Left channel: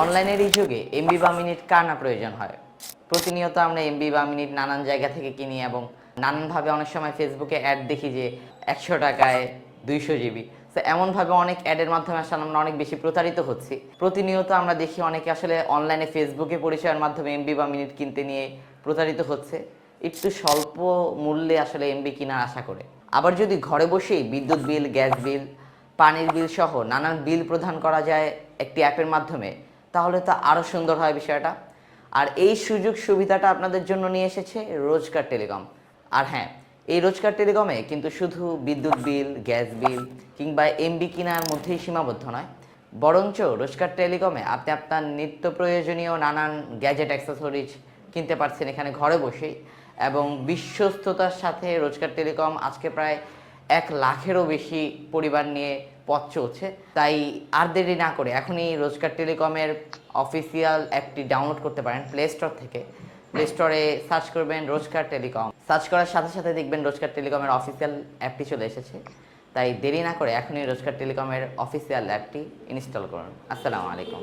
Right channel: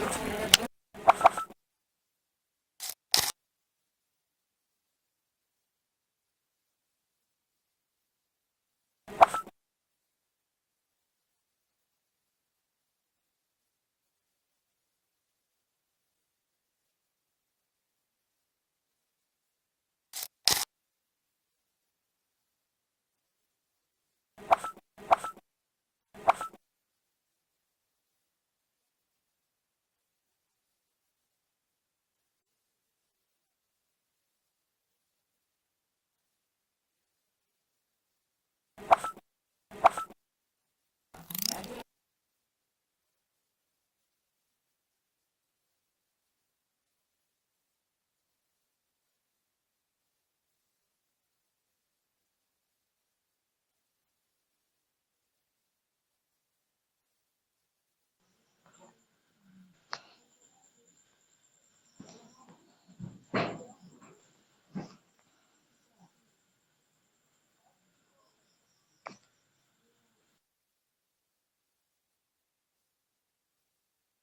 অনলাইনের এই যুগে এমবি বা মিনিট কার না প্রয়োজন হয়। প্রতিনিয়ত আমরা এমবি বা মিনিট নানান জায়গা থেকে কিনি এবং নানানভাবে অনেক সময় ফেসবুকে অ্যাড দেখি যে 100 টাকায় 200 জিবি। তো এমনভাবে অনেক অ্যাডের মাধ্যমে আসলে আমরা অনেক বেশি প্রতারিত হচ্ছি। প্রতিনিয়ত আমরা দেখি অনেকে আসলে অনলাইনে ফেসবুকে পরিচয়ের মাধ্যমে এমবি বা মিনিট কিনতে নিয়ে প্রতারিত হচ্ছে একটু স্বল্প মূল্যে আসলে এমবি কেনার আশা করে। আবার যদি ঘরে বসেই বিদ্যুৎ বিল, গ্যাস বিল, পানির বিল সহ নানান বিল প্রদান করা যায় একটি অ্যাপের মাধ্যমে, তাহলে তো আরও সুন্দর হয় বিষয়টা। আর এই সুযোগ সুবিধাটা আপনাদের জন্য নিয়ে এসেছে রোজকার টেলিকম। আর হ্যাঁ, এই রোজকার টেলিকমে কিন্তু শুধু বিদ্যুৎ বিল, গ্যাস বিল কিংবা এমবি কেনার মধ্যেই সীমাবদ্ধ নয়, বরঞ্চ রোজকার টেলিকমে আপনি আপনার নিত্য প্রয়োজনীয় নানান গ্যাজেট অ্যাক্সেসরিজ কিনতে পারছেন এখানে ঘরে বসেই। এবং বিশ্বস্ততার সাথে রোজকার টেলিকম আজকে প্রায় 1 লাখেরও বেশি পরিবার নিয়ে পথ চলছে। তাই আর দেরি না করে এখনই রোজকার টেলিকমের অফিসিয়াল অ্যাপটি ডাউনলোড করতে পারেন প্লে স্টোর থেকে। প্লে স্টোরে সার্চ করবেন রোজকার টেলিকম, সার্চ করার সাথে সাথে দেখবেন রোজকার টেলিকমের অফিসিয়াল অ্যাপটি চলে এসেছে। তাই দেরি না করে এখনই রোজকার টেলিকমের অফিসিয়াল অ্যাপটি ইনস্টল করুন। আসসালামু আলাইকুম।